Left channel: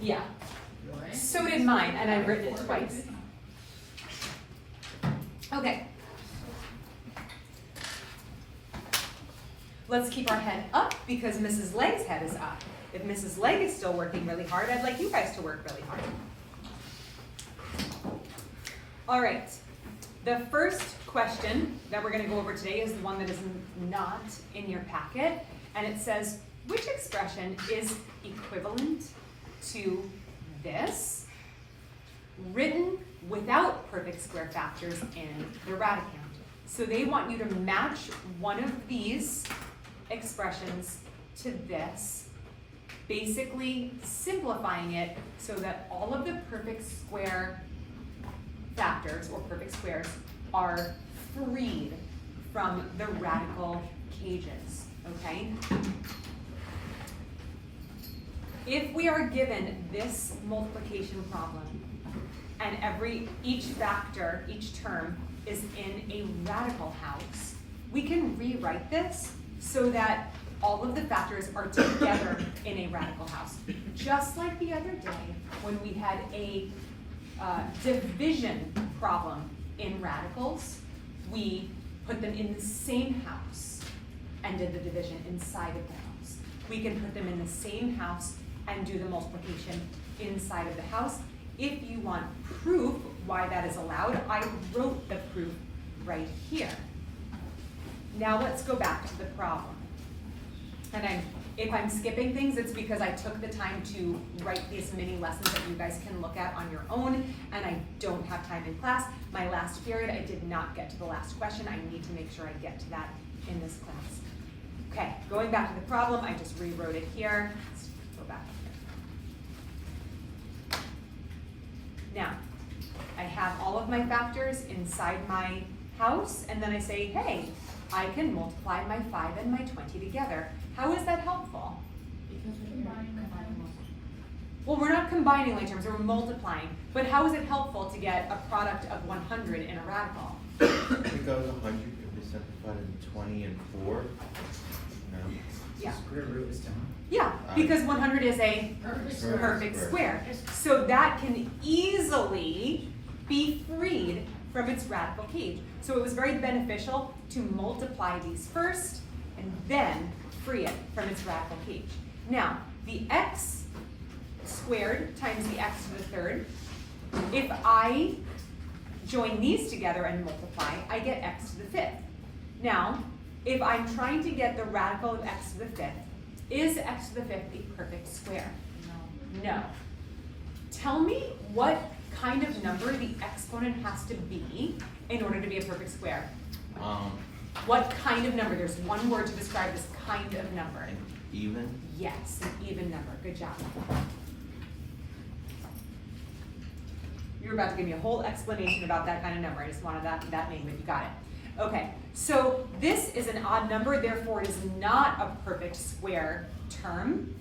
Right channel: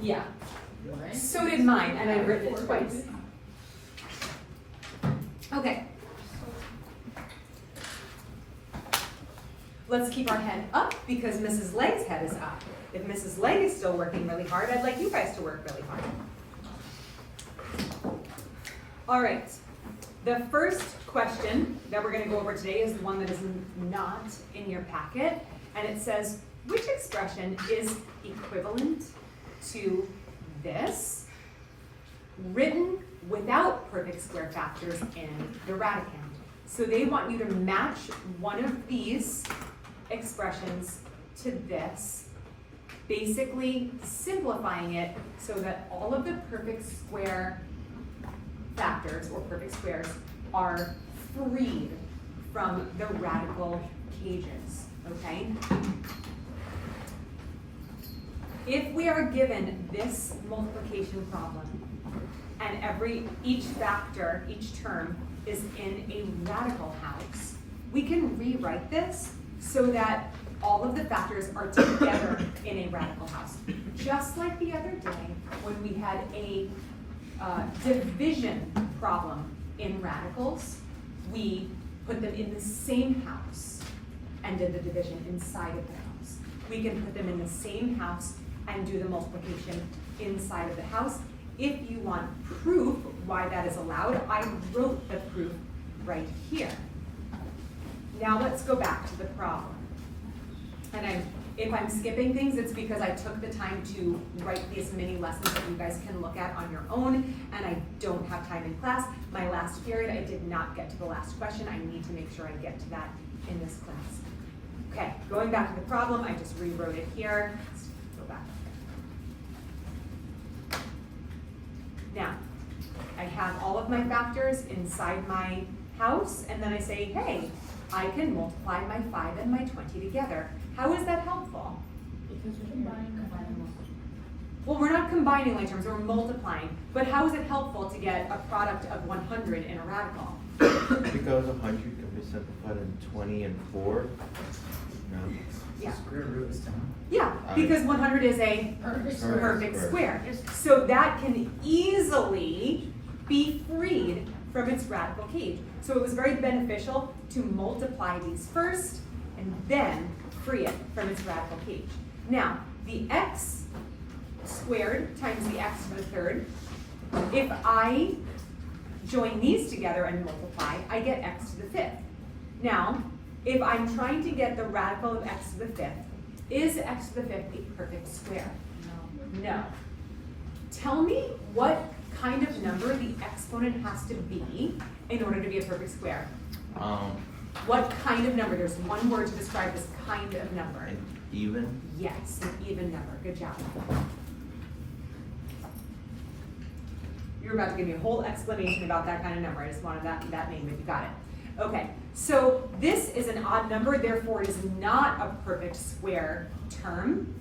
Yeah, What? so did mine, and I've written it twice. Okay. Let's keep our head up because Mrs. Leg's head is up. If Mrs. Leg is still working really hard, I'd like you guys to work really hard. All right. The first question that we're going to go over today is the one that is not in your packet, and it says, which expression is equivalent to this, written without perfect square factors in the radicand? So they want you to match one of these expressions to this, basically simplifying it so that all of the perfect square factors or perfect squares are freed from the radical cages, okay? If we are given this multiplication problem and each factor, each term is in a radical house, we can rewrite this so that all of the factors are together in a radical house. Just like the other day when we had a division problem in radicals, we put them in the same house and did the division inside of the house. We can put them in the same house and do the multiplication inside of the house. If you want proof why that is allowed, I wrote the proof right here. Now let's go back to the problem. And if I'm skipping things, it's because I took the time to write these mini lessons that you guys can look at on your own, and I don't have time in class. My last period, I did not get to the last question. I need to make sure I get to that in this class. Okay, going back to the problem, I just rewrote it here. Let's go back up here. Now, I have all of my factors inside my house, and then I say, hey, I can multiply my 5 and my 20 together. How is that helpful? Because we're combining. Well, we're not combining like terms, we're multiplying. But how is it helpful to get a product of 100 in a radical? Because 100 can be simplified in 20 and 4. No. Yeah. Square root is 10. Yeah, because 100 is a Perfect square. So that can easily be freed from its radical cage. So it was very beneficial to multiply these first and then free it from its radical cage. Now, the x squared times the x to the third, if I join these together and multiply, I get x to the fifth. Now, if I'm trying to get the radical of x to the fifth, is x to the fifth a perfect square? No. Tell me what kind of number the exponent has to be in order to be a perfect square. What kind of number? There's one word to describe this kind of number. An even? Yes, an even number. Good job. You're about to give me a whole explanation about that kind of number. I just wanted that name, but you got it. Okay, so this is an odd number, therefore it is not a perfect square term.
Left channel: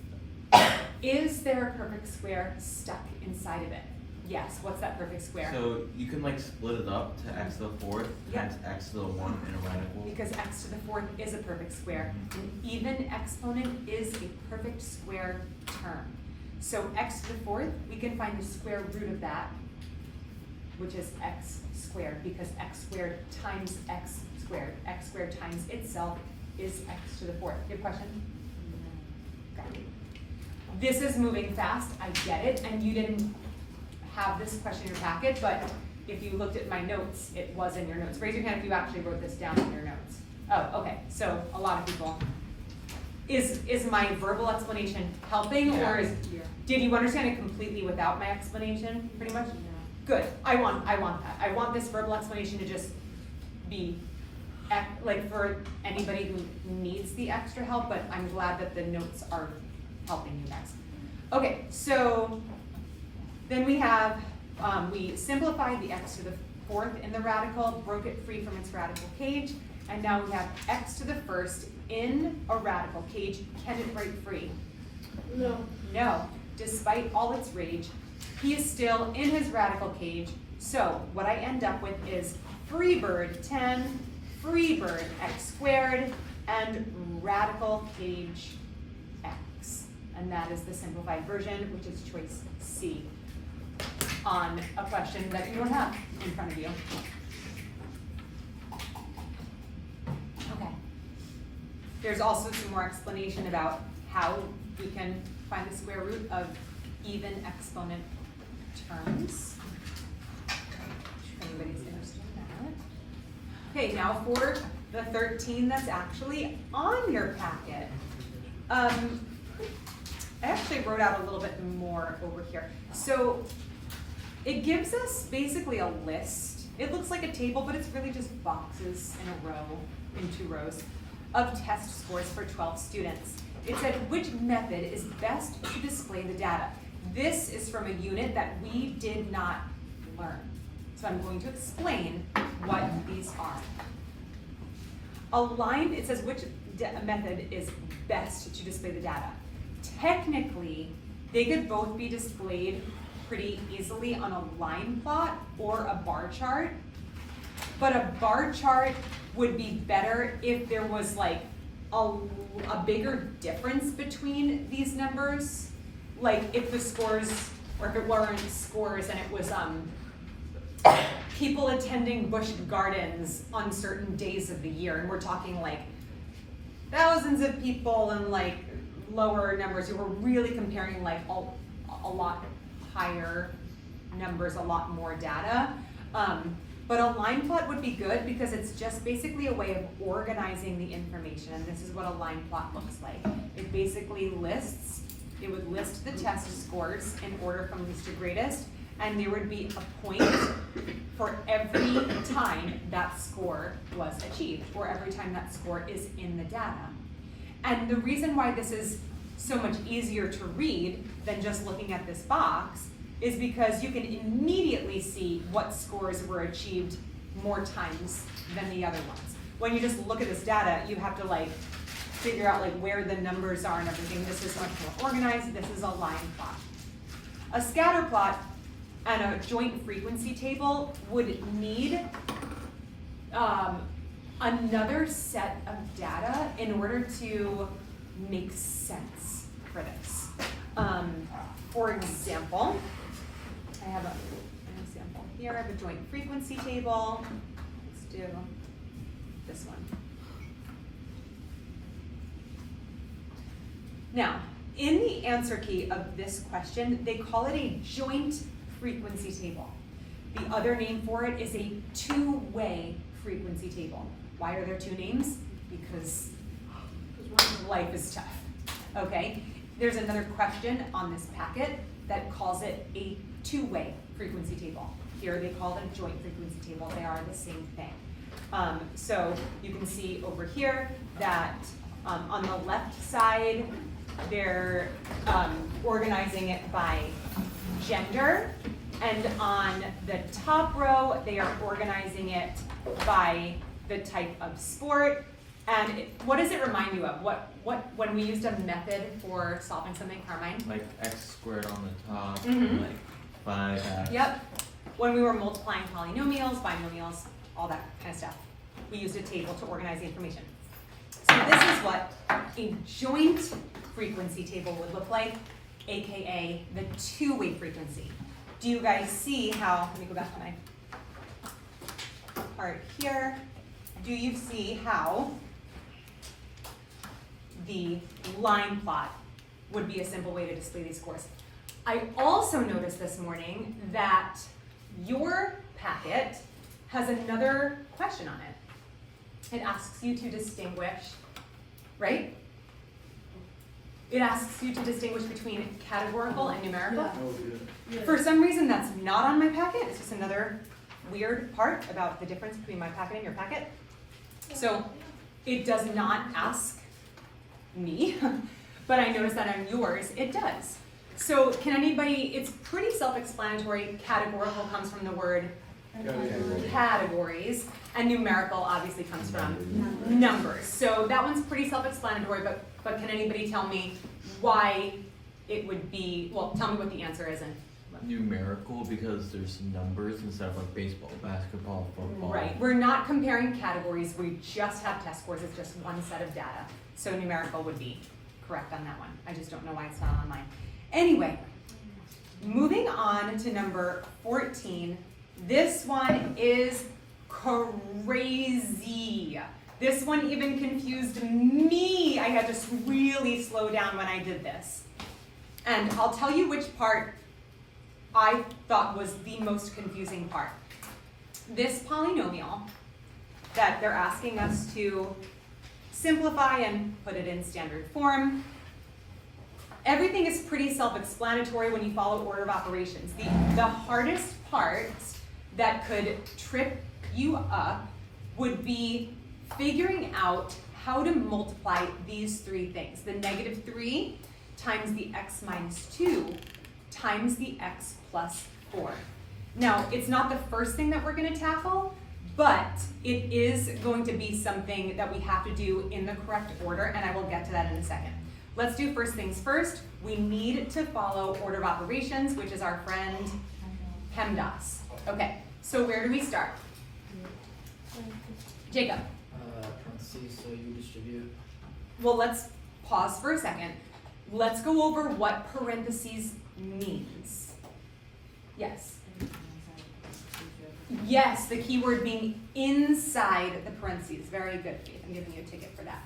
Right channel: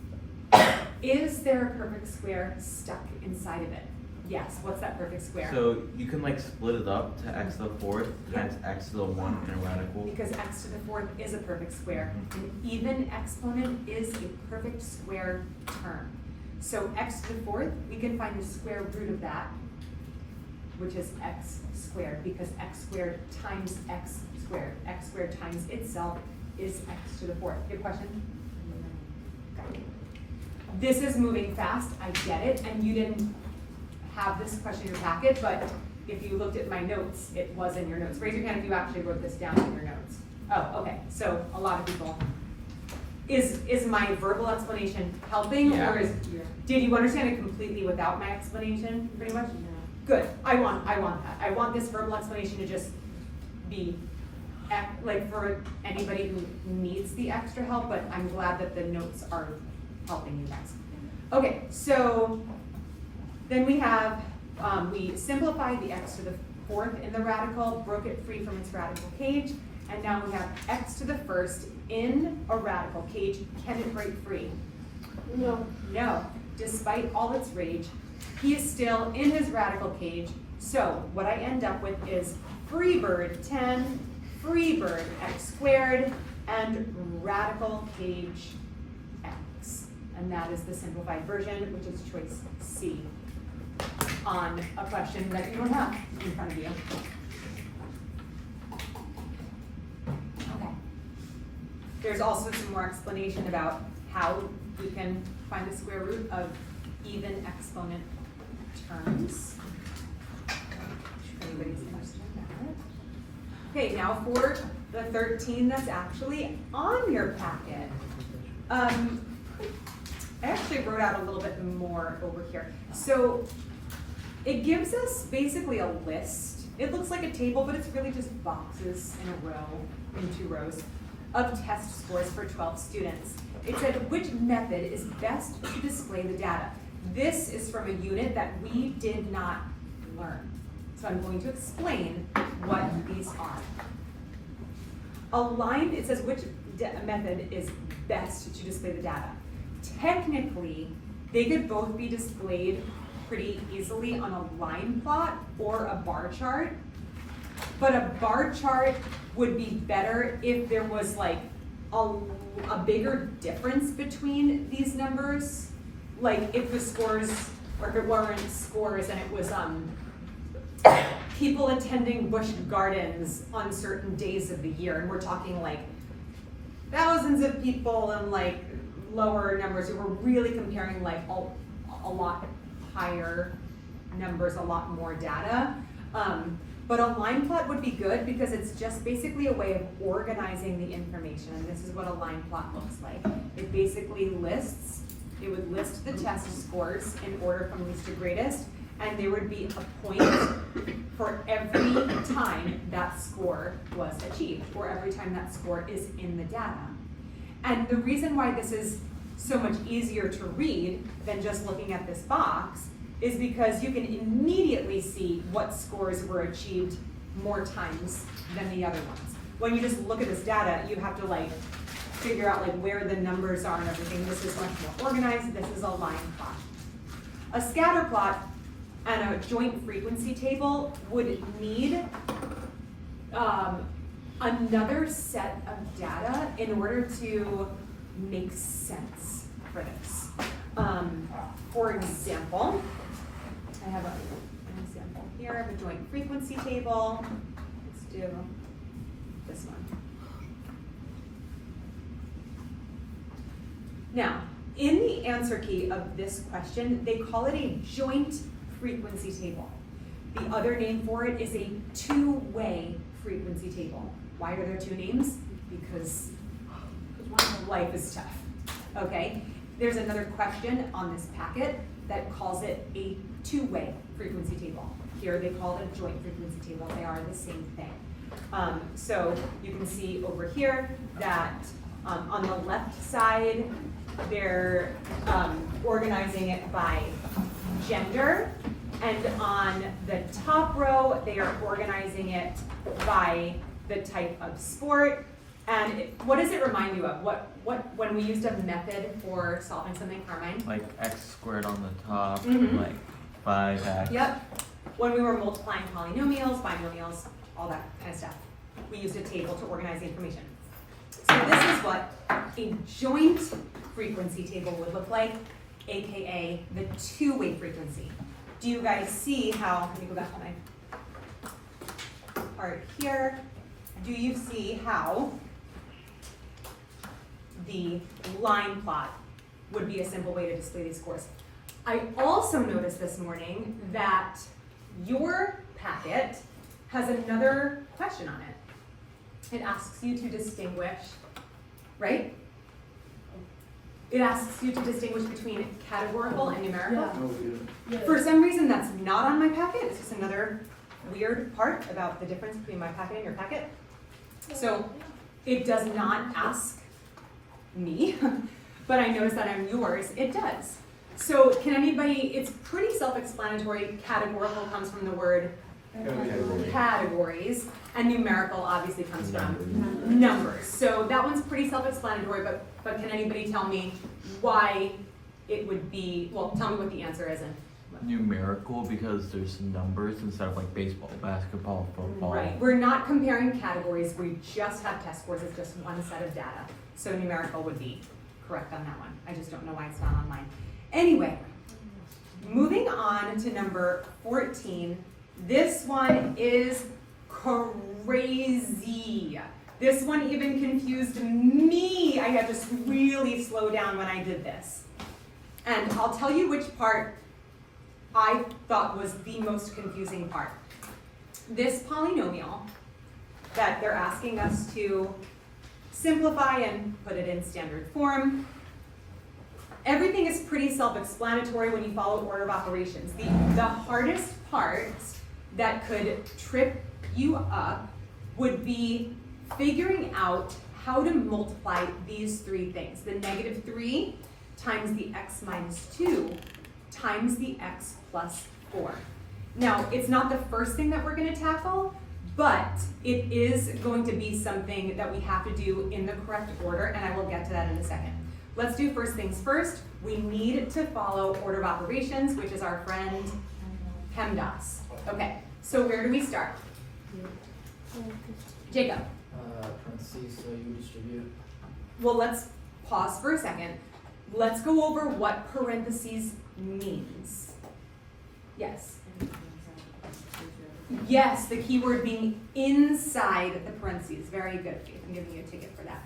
Is there a perfect square stuck inside of it? Yes, what's that perfect square? So you can like split it up to x to the 4th times x to the 1 in a radical. Because x to the 4th is a perfect square. An even exponent is a perfect square term. So x to the 4th, we can find the square root of that, which is x squared, because x squared times x squared. X squared times itself is x to the 4th. Your question? Okay. This is moving fast, I get it, and you didn't have this question in your packet, but if you looked at my notes, it was in your notes. Raise your hand if you actually wrote this down in your notes. Oh, okay, so a lot of people. Is my verbal explanation helping, Yeah. or did you understand it completely without my explanation, pretty much? Good, I want that. I want this verbal explanation to just be, like for anybody who needs the extra help, but I'm glad that the notes are helping you guys. Okay, so then we have, we simplified the x to the 4th in the radical, broke it free from its radical cage, and now we have x to the 1st in a radical cage. Can it break free? No. No, despite all its rage, he is still in his radical cage. So what I end up with is free bird 10, free bird x squared, and radical cage x. And and that is the simplified version, which is choice C on a question that you don't have in front of you. Okay. There's also some more explanation about how we can find the square root of even exponent terms. If anybody's interested in that. Okay, now for the 13 that's actually on your packet. I actually wrote out a little bit more over here. So it gives us basically a list. It looks like a table, but it's really just boxes in a row, in 2 rows, of test scores for 12 students. It said which method is best to display the data. This is from a unit that we did not learn. So I'm going to explain what these are. Aligned, it says which method is best to display the data. Technically, they could both be displayed pretty easily on a line plot or a bar chart, but a bar chart would be better if there was like a bigger difference between these numbers. Like if the scores, or if it weren't scores and it was people attending Busch Gardens on certain days of the year, and we're talking like thousands of people and like lower numbers, and we're really comparing like a lot higher numbers, a lot more data. But a line plot would be good because it's just basically a way of organizing the information, and this is what a line plot looks like. It basically lists, it would list the test scores in order from least to greatest, and there would be a point for every time that score was achieved, or every time that score is in the data. And the reason why this is so much easier to read than just looking at this box is because you can immediately see what scores were achieved more times than the other ones. When you just look at this data, you have to like figure out like where the numbers are and everything. This is much more organized. This is a line plot. A scatter plot and a joint frequency table would need another set of data in order to make sense for this. For example, I have an example here of a joint frequency table. Let's do this one. Now, in the answer key of this question, they call it a joint frequency table. The other name for it is a two-way frequency table. Why are there 2 names? Because life is tough, okay? There's another question on this packet that calls it a two-way frequency table. Here they call it a joint frequency table. They are the same thing. So you can see over here that on the left side, they're organizing it by gender, and on the top row, they are organizing it by the type of sport. And what does it remind you of? What when we used a method for solving something, Carmine? Like x squared on the top, Mhm. like 5x. Yep. When we were multiplying polynomials, binomials, all that kind of stuff, we used a table to organize the information. So this is what a joint frequency table would look like, aka the two-way frequency. Do you guys see how, let me go back to my part here. Do you see how the line plot would be a simple way to display these scores? I also noticed this morning that your packet has another question on it. It asks you to distinguish, right? It asks you to distinguish between categorical and numerical. Yeah. For some reason, that's not on my packet. It's just another weird part about the difference between my packet and your packet. So it does not ask me, but I noticed that on yours, it does. So can anybody, it's pretty self-explanatory. Categorical comes from the word categories, and numerical obviously comes from numbers. So that one's pretty self-explanatory, but can anybody tell me why it would be, well, tell me what the answer is. And Numerical because there's numbers instead of like baseball, basketball, football. right, we're not comparing categories, we just have test scores, it's just one set of data. So numerical would be correct on that one. I just don't know why it's not online. Anyway, moving on to number 14. This one is crazy. This one even confused me. I had to really slow down when I did this. And I'll tell you which part I thought was the most confusing part. This polynomial that they're asking us to simplify and put it in standard form. Everything is pretty self-explanatory when you follow order of operations. The hardest part that could trip you up would be figuring out how to multiply these three things. The negative 3 times the x minus 2 times the x plus 4. Now, it's not the first thing that we're going to tackle, but it is going to be something that we have to do in the correct order, and I will get to that in a second. Let's do first things first. We need to follow order of operations, which is our friend PEMDAS. Okay, so where do we start? Jacob. Parentheses, so you distribute. Well, let's pause for a second. Let's go over what parentheses means. Yes. Yes, the keyword being inside the parentheses. Very good, Faith. I'm giving you a ticket for that.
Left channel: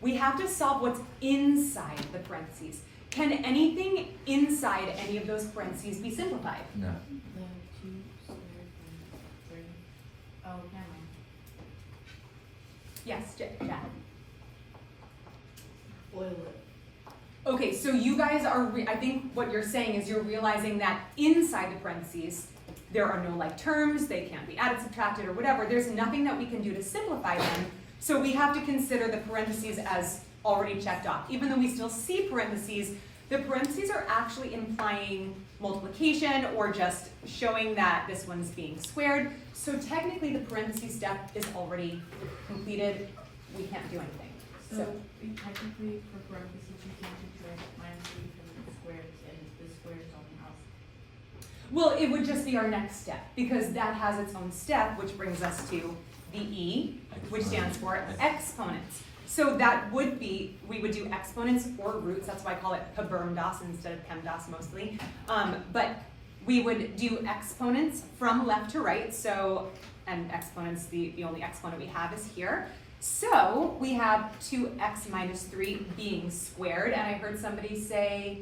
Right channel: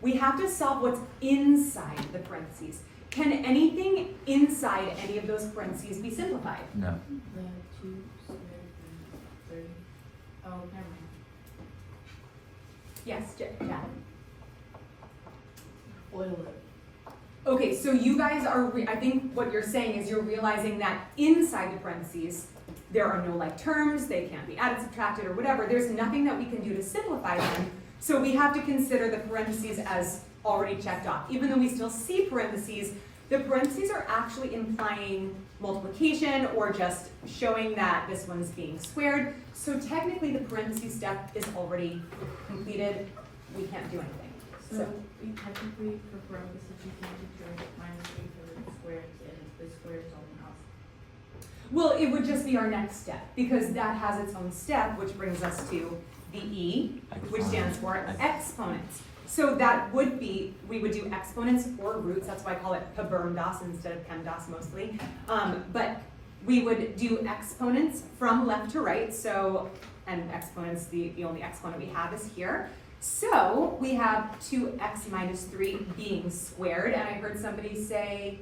We have to solve what's inside the parentheses. Can anything inside any of those parentheses be simplified? No. The 2 squared and 3. Oh, never mind. Yes, Jen. Oil it. Okay, so you guys are, I think what you're saying is you're realizing that inside the parentheses, there are no like terms, they can't be added, subtracted, or whatever. There's nothing that we can do to simplify them. So we have to consider the parentheses as already checked off. Even though we still see parentheses, the parentheses are actually implying multiplication or just showing that this one's being squared. So technically the parentheses step is already completed. We can't do anything. So we technically, for parentheses, you can't subtract minus 3 for the squares, and if the square is something else. Well, it would just be our next step, because that has its own step, which brings us to the E, which stands for exponents. So that would be, we would do exponents or roots, that's why I call it PEMDAS instead of PEMDAS mostly. But we would do exponents from left to right, so, and exponents, the only exponent we have is here. So we have 2x minus 3 being squared, and I heard somebody say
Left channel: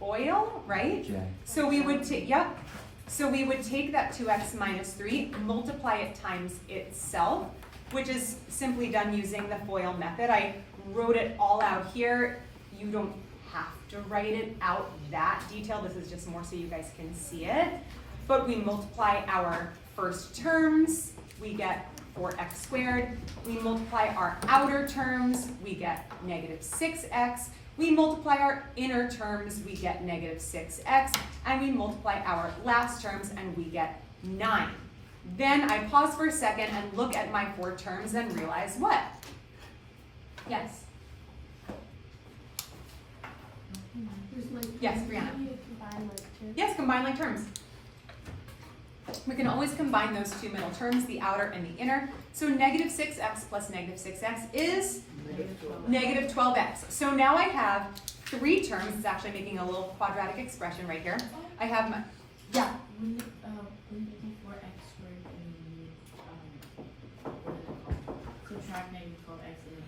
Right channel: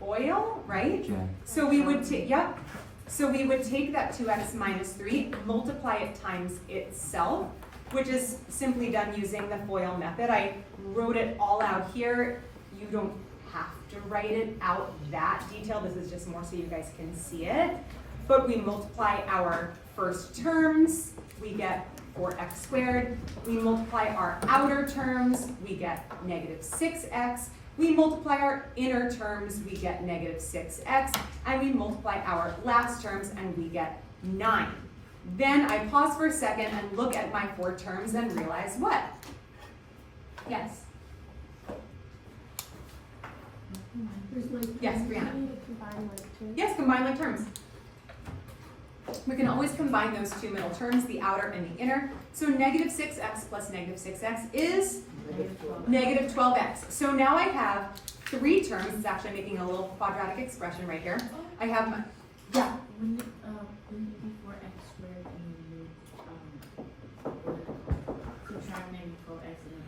FOIL, right? Yeah. So we would take, yep. So we would take that 2x minus 3, multiply it times itself, which is simply done using the FOIL method. I wrote it all out here. You don't have to write it out that detailed. This is just more so you guys can see it. But we multiply our first terms, we get 4x squared. We multiply our outer terms, we get negative 6x. We multiply our inner terms, we get negative 6x. And we multiply our last terms, and we get 9. Then I pause for a second and look at my 4 terms and realize what? Yes? There's like, Yes, you Brianna. need to combine like two. Yes, combine like terms. We can always combine those two middle terms, the outer and the inner. So negative 6x plus negative 6x is negative 12x. So now I have 3 terms. It's actually making a little quadratic expression right here. I have my, yeah. We need 4x squared and subtract negative 12x and then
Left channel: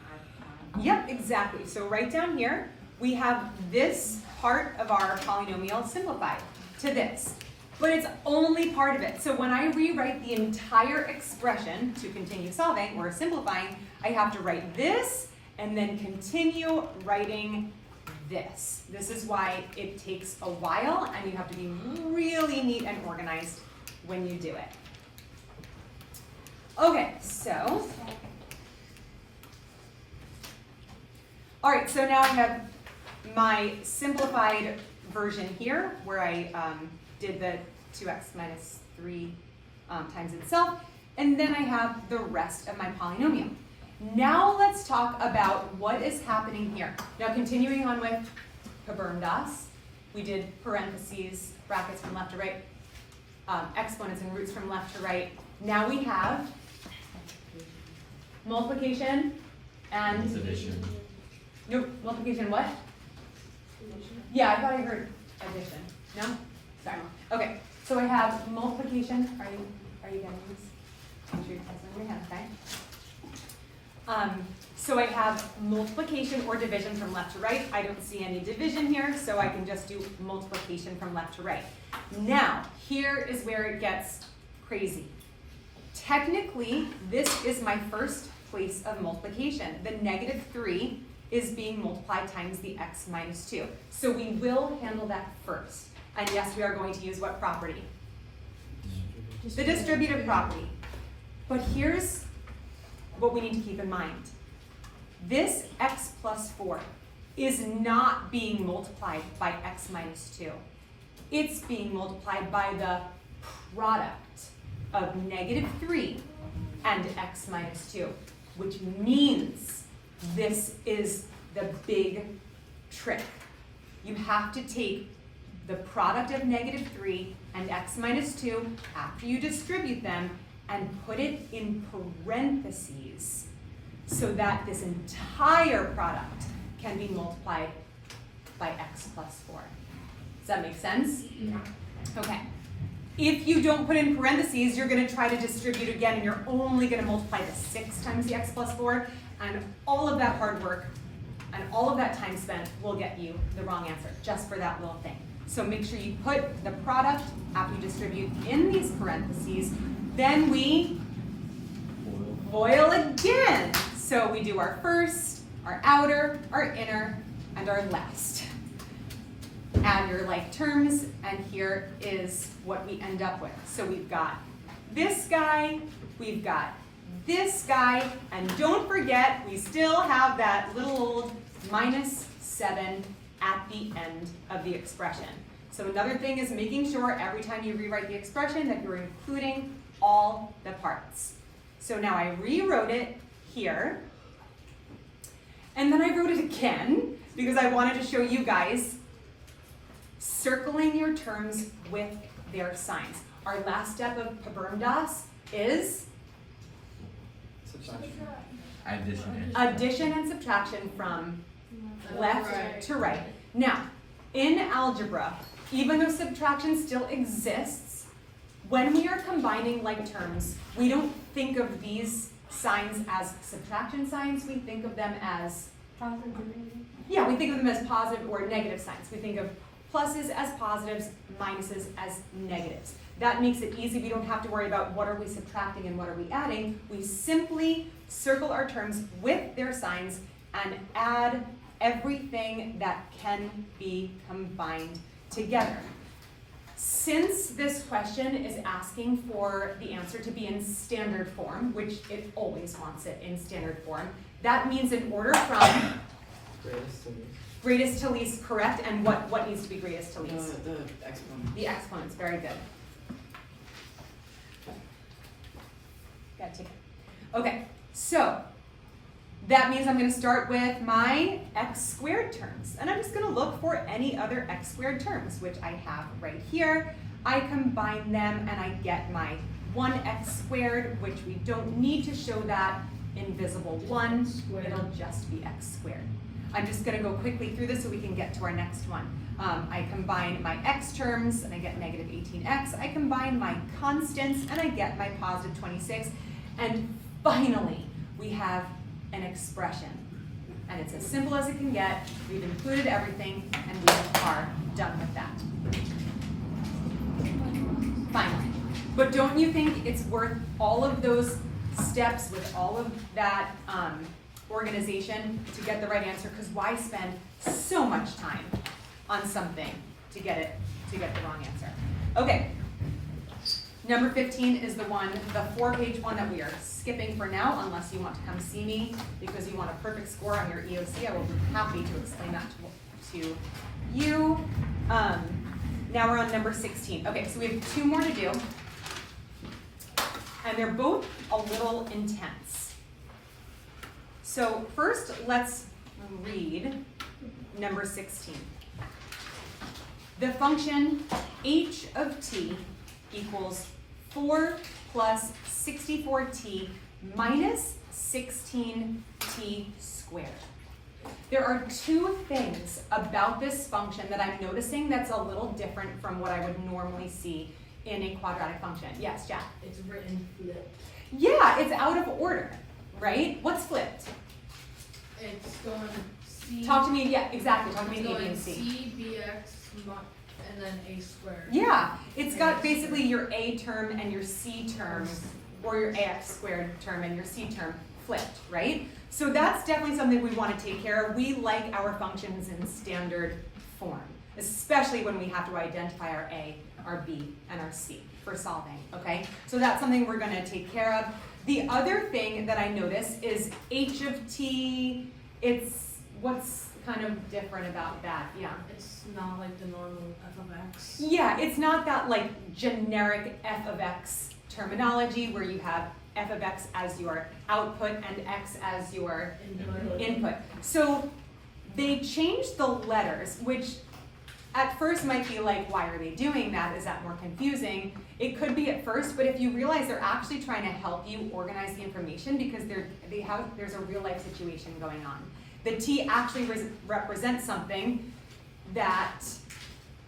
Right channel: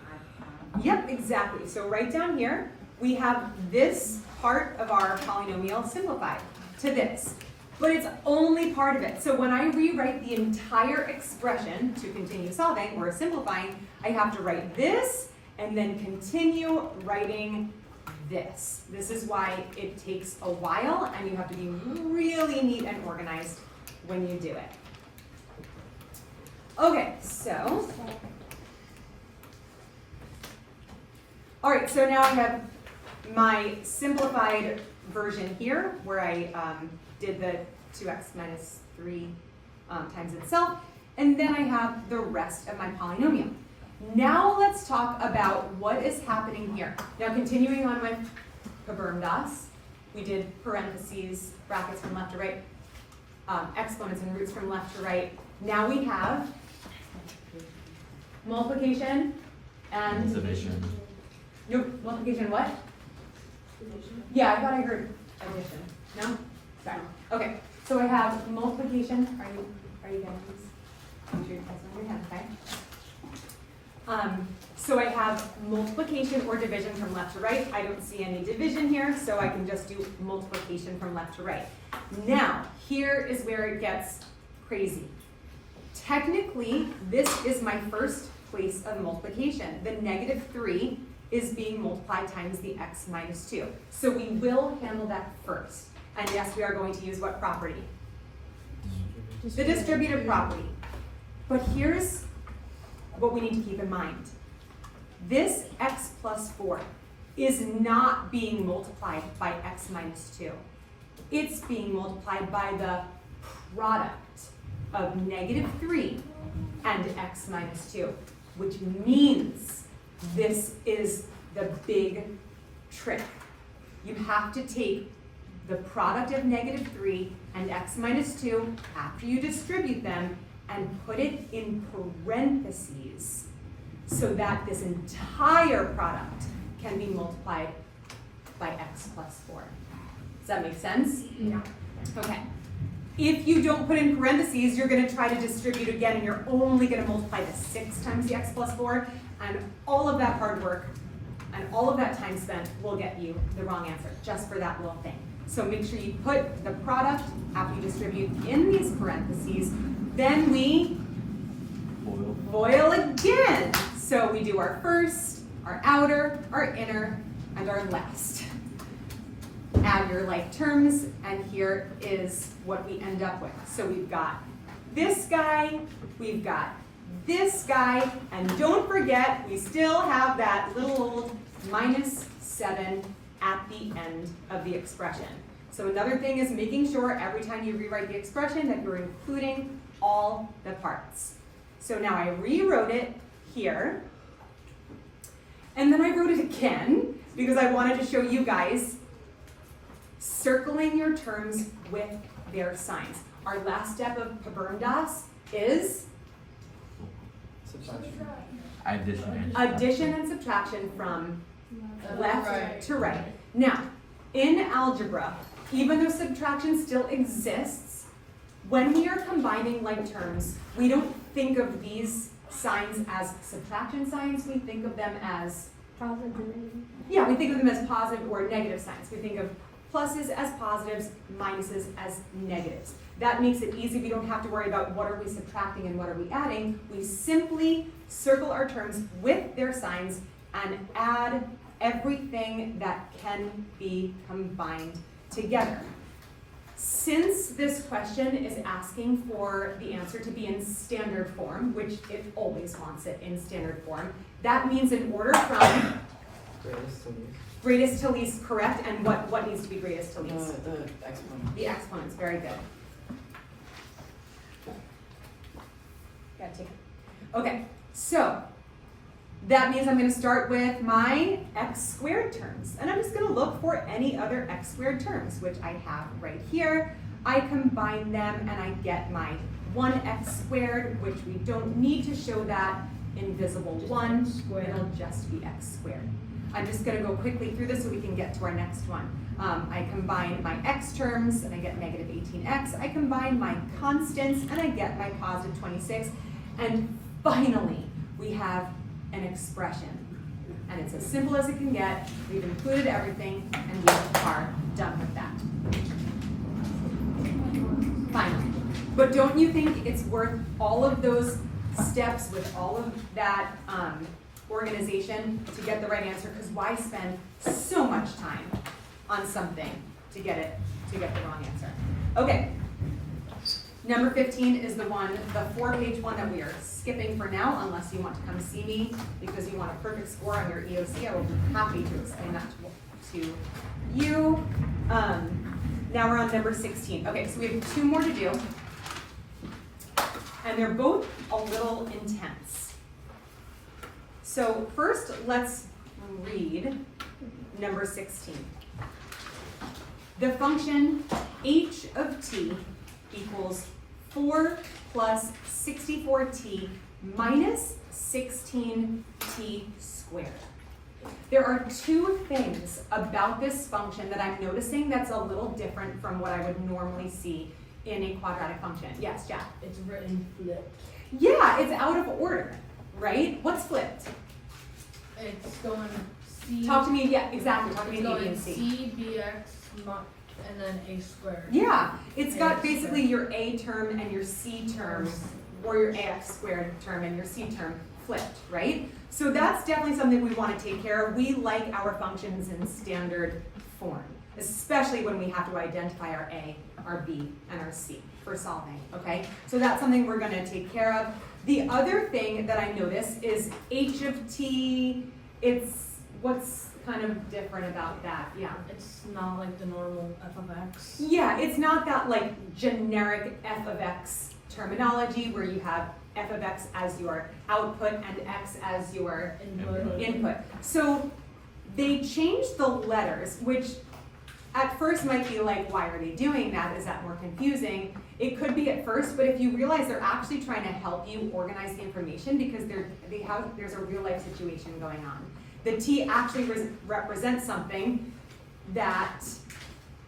add. Yep, exactly. So right down here, we have this part of our polynomial simplified to this. But it's only part of it. So when I rewrite the entire expression to continue solving or simplifying, I have to write this and then continue writing this. This is why it takes a while, and you have to be really neat and organized when you do it. Okay, so. All right, so now I have my simplified version here where I did the 2x minus 3 times itself, and then I have the rest of my polynomial. Now let's talk about what is happening here. Now continuing on with PEMDAS, we did parentheses, brackets from left to right, exponents and roots from left to right. Now we have multiplication and Division. Nope, multiplication what? Yeah, I thought I heard addition. No? Sorry. Okay, so I have multiplication. Are you getting these? Put your hands on your head, okay? So I have multiplication or division from left to right. I don't see any division here, so I can just do multiplication from left to right. Now, here is where it gets crazy. Technically, this is my first place of multiplication. The -3 is being multiplied times the x minus 2. So we will handle that first. And yes, we are going to use what property? The distributive property. But here's what we need to keep in mind. This x plus 4 is not being multiplied by x minus 2. It's being multiplied by the product of -3 and x minus 2, which means this is the big trick. You have to take the product of -3 and x minus 2 after you distribute them and put it in parentheses so that this entire product can be multiplied by x plus 4. Does that make sense? Yeah. Okay. If you don't put in parentheses, you're going to try to distribute again, and you're only going to multiply the 6 times the x plus 4, and all of that hard work and all of that time spent will get you the wrong answer, just for that little thing. So make sure you put the product after you distribute in these parentheses, then we FOIL again. So we do our first, our outer, our inner, and our last. Add your like terms, and here is what we end up with. So we've got this guy, we've got this guy, and don't forget, we still have that little old -7 at the end of the expression. So another thing is making sure every time you rewrite the expression that you're including all the parts. So now I rewrote it here, and then I wrote it again because I wanted to show you guys circling your terms with their signs. Our last step of PBRMDAS is addition and subtraction from left to right. Now, in algebra, even though subtraction still exists, when we are combining like terms, we don't think of these signs as subtraction signs, we think of them as we think of them as positive or negative signs. We think of pluses as positives, minuses as negatives. That makes it easy. We don't have to worry about what are we subtracting and what are we adding. We simply circle our terms with their signs and add everything that can be combined together. Since this question is asking for the answer to be in standard form, which it always wants it in standard form, that means in order from greatest to least, correct, and what needs to be greatest to least? The exponents. The exponents, very good. Got to take it. Okay, so that means I'm going to start with my x squared terms, and I'm just going to look for any other x squared terms, which I have right here. I combine them and I get my 1x squared, which we don't need to show that invisible 1, it'll just be x squared. I'm just going to go quickly through this so we can get to our next one. I combine my x terms and I get -18x. I combine my constants and I get my +26. And finally, we have an expression. And it's as simple as it can get. We've included everything and we are done with that. Finally. But don't you think it's worth all of those steps with all of that organization to get the right answer? Because why spend so much time on something to get the wrong answer? Okay, number 15 is the 4-page one that we are skipping for now, unless you want to come see me because you want a perfect score on your EOC. I will be happy to explain that to you. Now we're on number 16. Okay, so we have 2 more to do, and they're both a little intense. So first, let's read number 16. The function h of t equals 4 plus 64t minus 16t squared. There are two things about this function that I'm noticing that's a little different from what I would normally see in a quadratic function. Yes, Jack? It's written flipped. Yeah, it's out of order, right? What's flipped? It's going C. Talk to me, yeah, exactly, talk to me It's in A, B, going and C. C, BX, and then A squared. Yeah, it's got basically your A term and your C term, or your AX squared term and your C term flipped, right? So that's definitely something we want to take care of. We like our functions in standard form, especially when we have to identify our A, our B, and our C for solving, okay? So that's something we're gonna take care of. The other thing that I notice is H of T, what's kind of different about that, yeah? It's not like the normal f of x. Yeah, it's not that like generic f of x terminology where you have f of x as your output and x as your input. So they changed the letters, which at first might be like, why are they doing that? Is that more confusing? It could be at first, but if you realize they're actually trying to help you organize the information because there's a real life situation going on. The T actually represents something that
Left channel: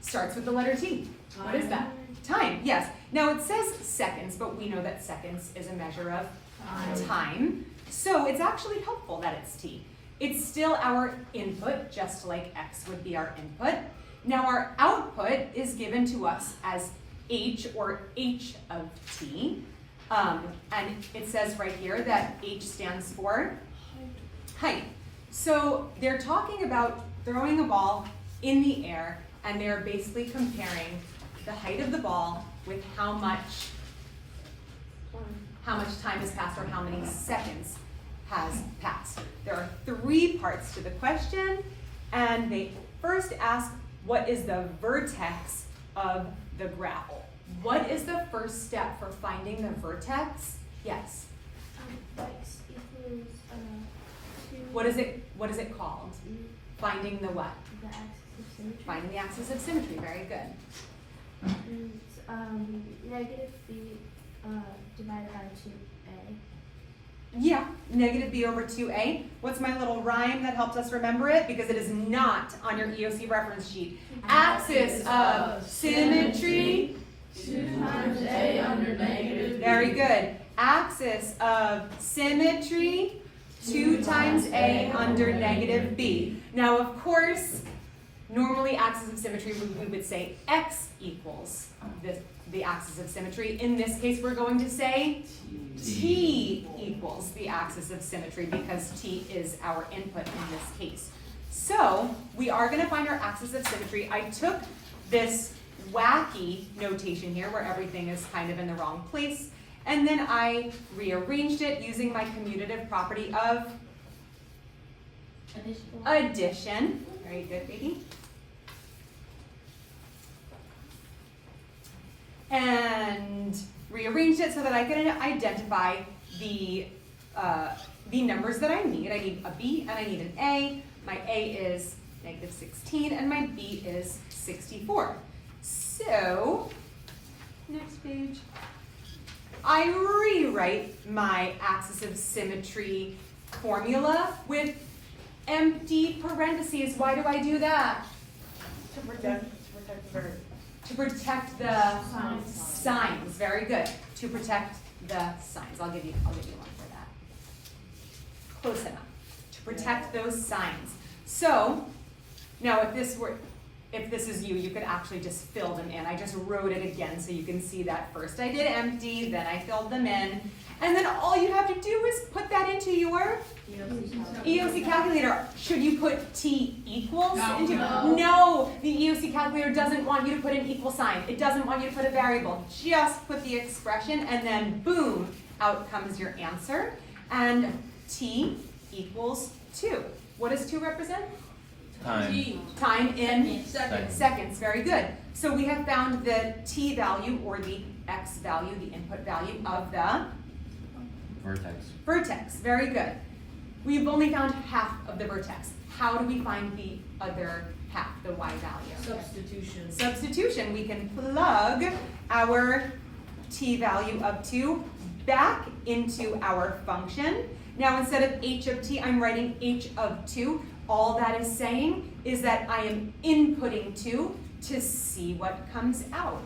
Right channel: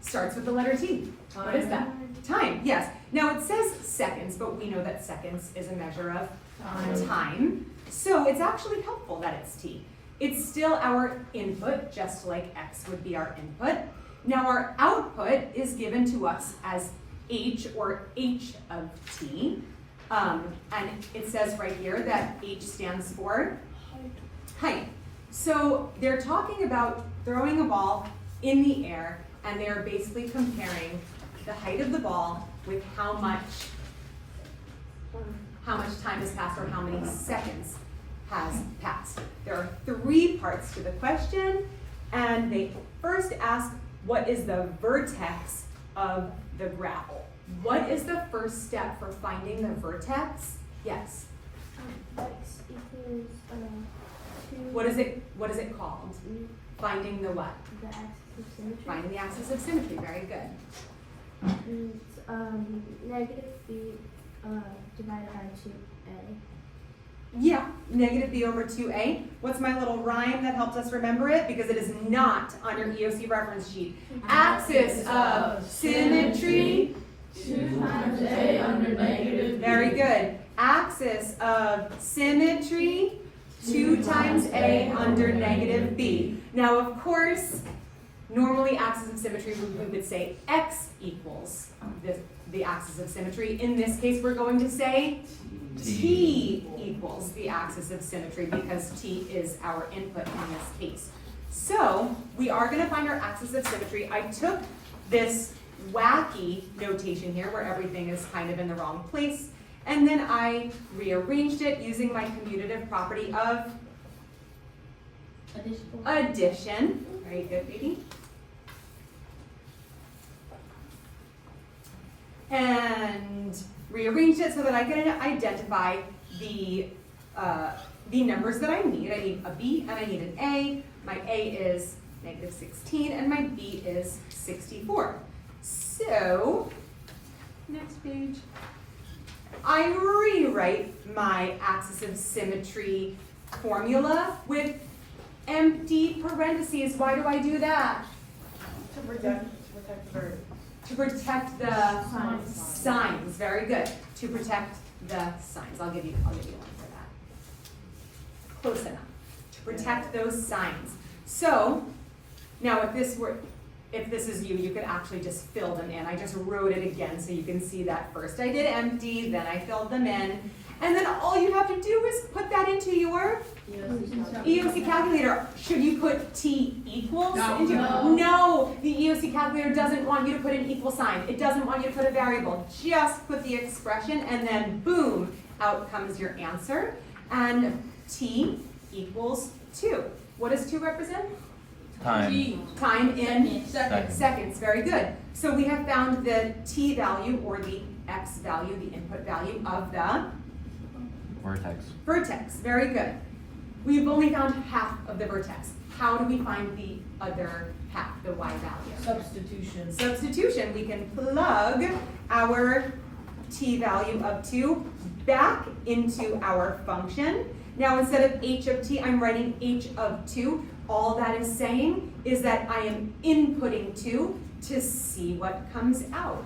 starts with the letter T. What is that? Time, yes. Now it says seconds, but we know that seconds is a measure of time. So it's actually helpful that it's T. It's still our input, just like X would be our input. Now our output is given to us as H or H of T. And it says right here that H stands for height. So they're talking about throwing a ball in the air, and they're basically comparing the height of the ball with how much time has passed or how many seconds has passed. There are three parts to the question, and they first ask, what is the vertex of the graph? What is the first step for finding the vertex? Yes. X equals, What is it called? Finding the what? the axis of symmetry. Finding the axis of symmetry. Very good. It's, negative b, divided by 2a. Yeah, negative b over 2a. What's my little rhyme that helps us remember it? Because it is not on your EOC reference sheet. Axis of symmetry. 2 times A under negative B. Very good. Axis of symmetry. 2 times a under negative b. Now, of course, normally axis of symmetry, we would say x equals the axis of symmetry. In this case, we're going to say t equals the axis of symmetry because t is our input in this case. So we are going to find our axis of symmetry. I took this wacky notation here where everything is kind of in the wrong place, and then I rearranged it using my commutative property of addition. Very good, baby. And rearranged it so that I can identify the numbers that I need. I need a B and I need an A. My A is negative 16 and my B is 64. So, next page. I rewrite my axis of symmetry formula with empty parentheses. Why do I do that? To protect To protect the signs. Very good. To protect the signs. I'll give you one for that. Close enough. To protect those signs. So now if this is you, you could actually just fill them in. I just wrote it again so you can see that first I did empty, then I filled them in. And then all you have to do is put that into your EOC calculator. Should you put T equals into? No, the EOC calculator doesn't want you to put an equal sign. It doesn't want you to put a variable. Just put the expression and then boom, out comes your answer. And T equals 2. What does 2 represent? Time. Time in seconds. Very good. So we have found the T value or the X value, the input value of the vertex. Very good. We've only found half of the vertex. How do we find the other half, the Y value? Substitution. We can plug our T value of 2 back into our function. Now instead of H of T, I'm writing H of 2. All that is saying is that I am inputting 2 to see what comes out.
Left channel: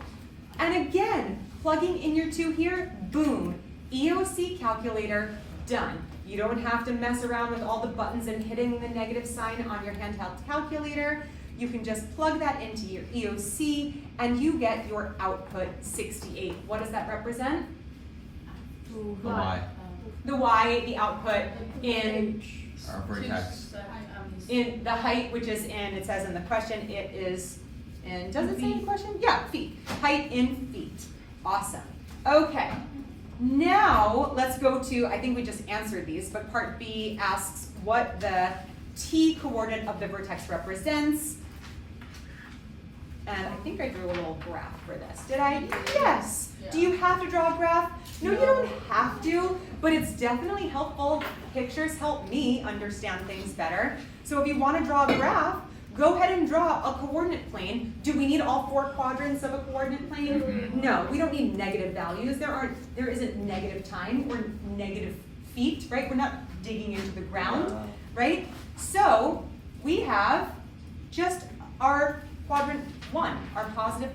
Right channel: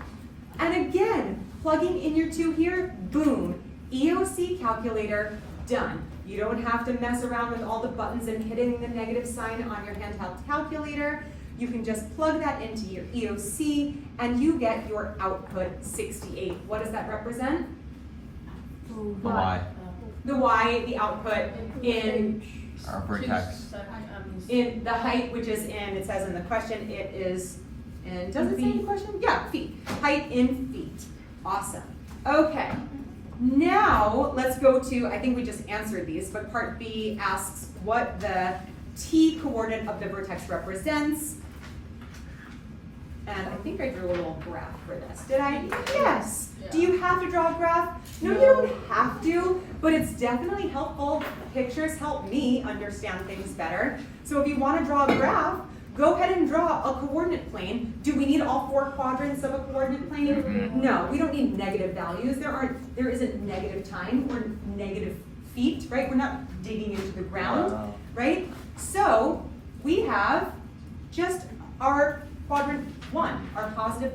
And again, plugging in your 2 here, boom, EOC calculator, done. You don't have to mess around with all the buttons and hitting the negative sign on your handheld calculator. You can just plug that into your EOC and you get your output 68. What does that represent? Y. The Y, the output in Our vertex. the height, which is in, it says in the question, it is in, does it say in the question? Yeah, feet. Height in feet. Awesome. Okay. Now, let's go to, I think we just answered these, but part B asks what the T coordinate of the vertex represents. And I think I drew a little graph for this. Did I? Yes. Do you have to draw a graph? No, you don't have to, but it's definitely helpful. Pictures help me understand things better. So if you want to draw a graph, go ahead and draw a coordinate plane. Do we need all 4 quadrants of a coordinate plane? No, we don't need negative values. There isn't negative time or negative feet, right? We're not digging into the ground, right? So we have just our quadrant 1, our positive.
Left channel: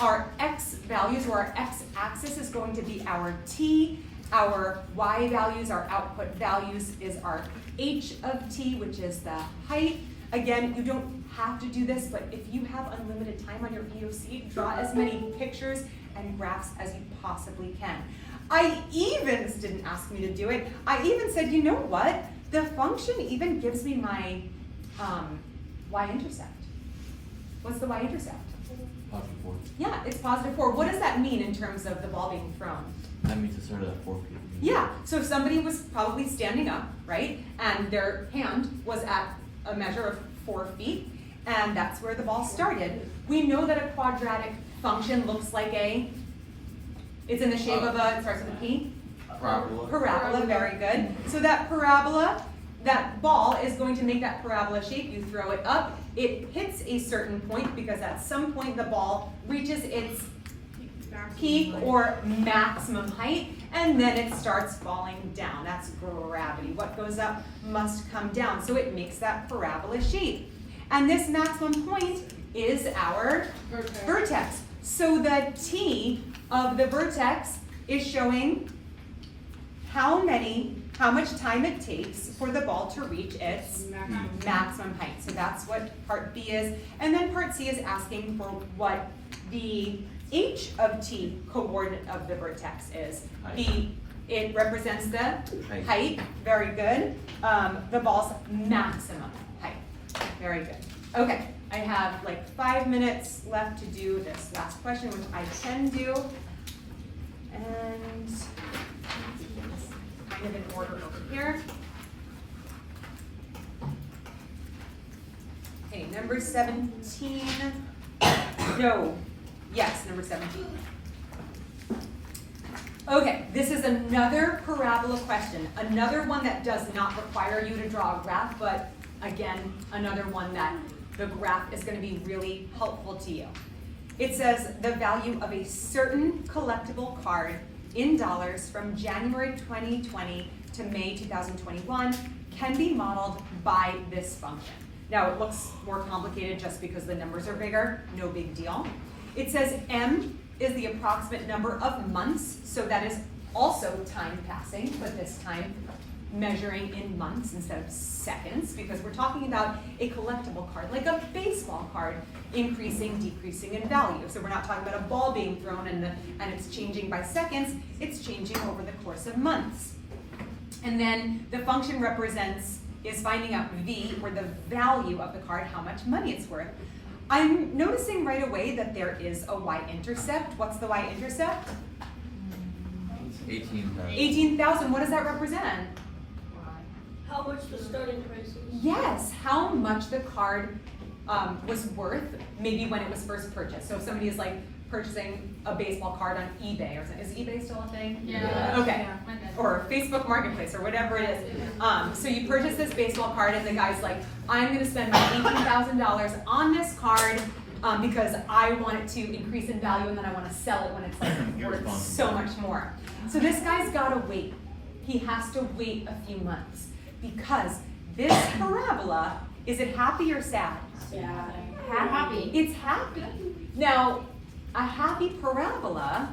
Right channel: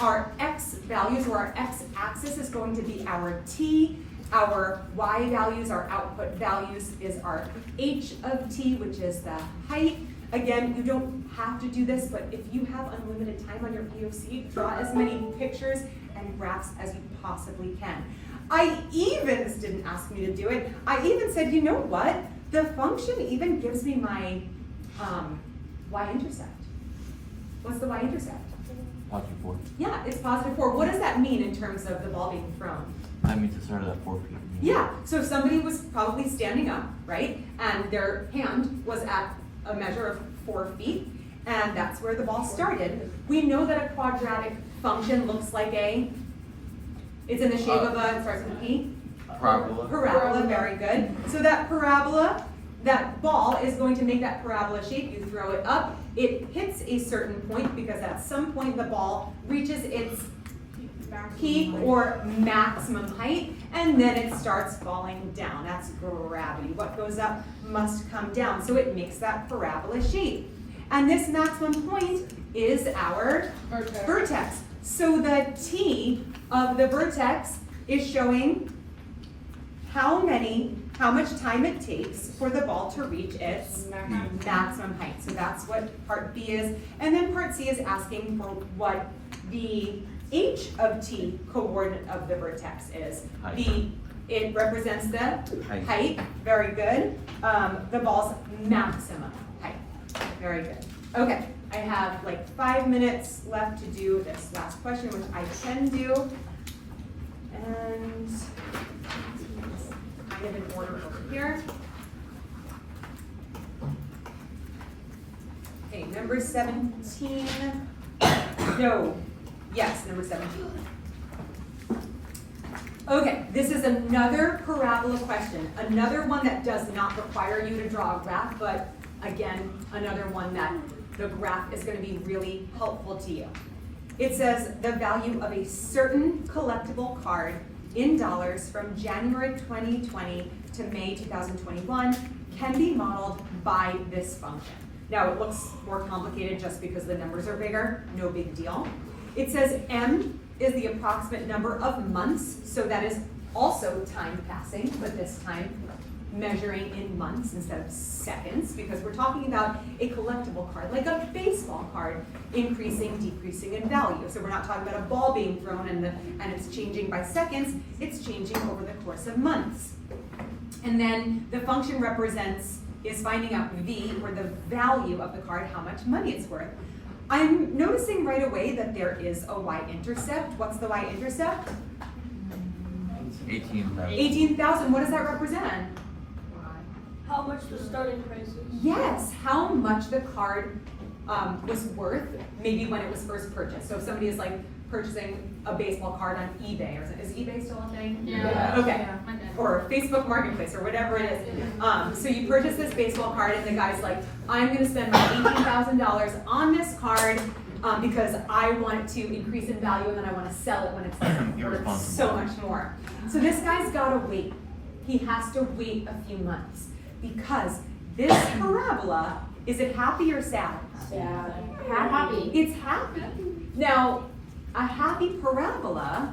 Our x values, or our x-axis, is going to be our t. Our y values, our output values, is our h of t, which is the height. Again, you don't have to do this, but if you have unlimited time on your EOC, draw as many pictures and graphs as you possibly can. Steve didn't ask me to do it. I even said, you know what? The function even gives me my y-intercept. What's the y-intercept? +4. Yeah, it's +4. What does that mean in terms of the ball being thrown? That means it started at 4 feet. Yeah, so if somebody was probably standing up, right, and their hand was at a measure of 4 feet, and that's where the ball started. We know that a quadratic function looks like it's in the shape of it starts with a P? Parabola. Parabola, very good. So that parabola, that ball is going to make that parabola shape. You throw it up, it hits a certain point because at some point the ball reaches its peak or maximum height, and then it starts falling down. That's gravity. What goes up must come down. So it makes that parabola shape. And this maximum point is our vertex. So the T of the vertex is showing how much time it takes for the ball to reach its maximum height. So that's what part B is. And then part C is asking for what the H of T coordinate of the vertex is. It represents the height. Very good. The ball's maximum height. Very good. Okay, I have like 5 minutes left to do this last question, which I can do. And we have an order over here. Okay, number 17. No. Yes, number 17. Okay, this is another parabola question. Another one that does not require you to draw a graph, but again, another one that the graph is going to be really helpful to you. It says the value of a certain collectible card in dollars from January 2020 to May 2021 can be modeled by this function. Now it looks more complicated just because the numbers are bigger, no big deal. It says M is the approximate number of months, so that is also time passing, but this time measuring in months instead of seconds, because we're talking about a collectible card, like a baseball card, increasing, decreasing in value. So we're not talking about a ball being thrown and it's changing by seconds, it's changing over the course of months. And then the function is finding out V, or the value of the card, how much money it's worth. I'm noticing right away that there is a y-intercept. What's the y-intercept? 18,000. 18,000. What does that represent? How much the starting price is? Yes, how much the card was worth, maybe when it was first purchased. So if somebody is like purchasing a baseball card on eBay, or is eBay still a thing? Yeah. Okay. Yeah, my bad. Or Facebook Marketplace, or whatever it is. So you purchase this baseball card, and the guy's like, I'm going to spend my $18,000 on this card because I want it to increase in value, and then I want to sell it when it's like worth so much more. So this guy's got to wait. He has to wait a few months because this parabola, is it happy or sad? Happy. It's happy. Now, a happy parabola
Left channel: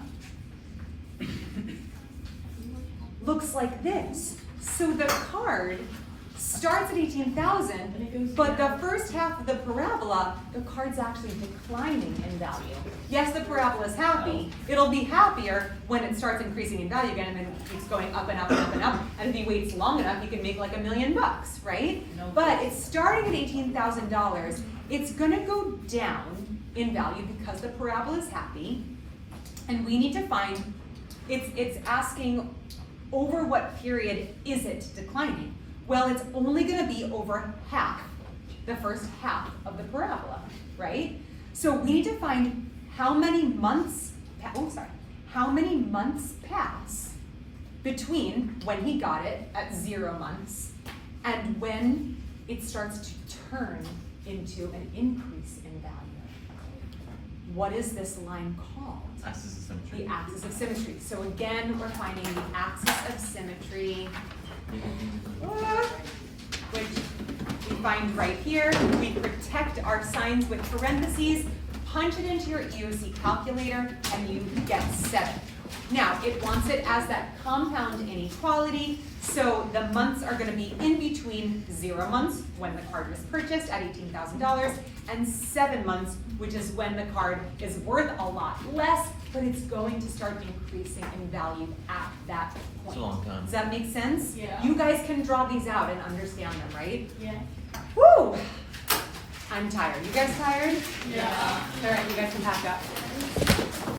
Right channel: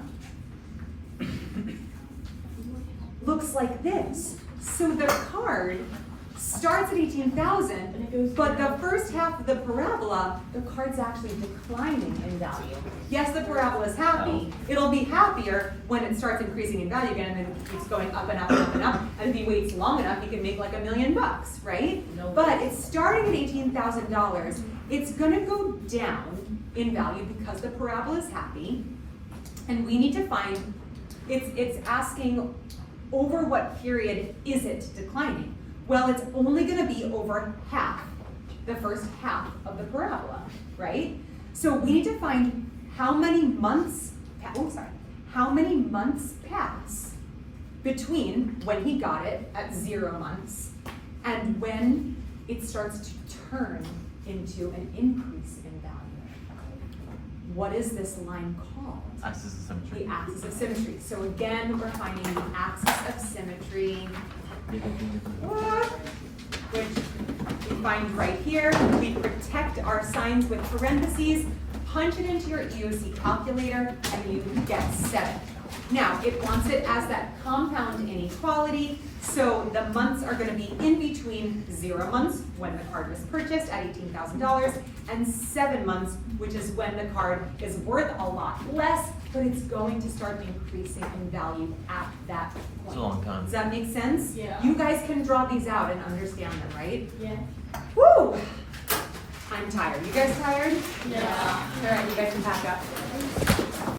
looks like this. So the card starts at 18,000, but the first half of the parabola, the card's actually declining in value. Yes, the parabola is happy. It'll be happier when it starts increasing in value again, and then it's going up and up and up and up. And if he waits long enough, he can make like $1 million, right? But it's starting at $18,000. It's gonna go down in value because the parabola is happy, and we need to find. It's asking over what period is it declining? Well, it's only gonna be over half, the first half of the parabola, right? So we need to find how many months, how many months pass between when he got it at 0 months and when it starts to turn into an increase in value. What is this line called? Axis of symmetry. The axis of symmetry. So again, we're finding the axis of symmetry, which we find right here. We protect our signs with parentheses, punch it into your EOC calculator, and you get 7. Now, it wants it as that compound inequality, so the months are going to be in between 0 months, when the card was purchased at $18,000, and 7 months, which is when the card is worth a lot less, but it's going to start increasing in value at that point. It's a long time. Does that make sense? Yeah. You guys can draw these out and understand them, right? Yeah. Woo! I'm tired. You guys tired? Yeah. All right, you guys can pack up.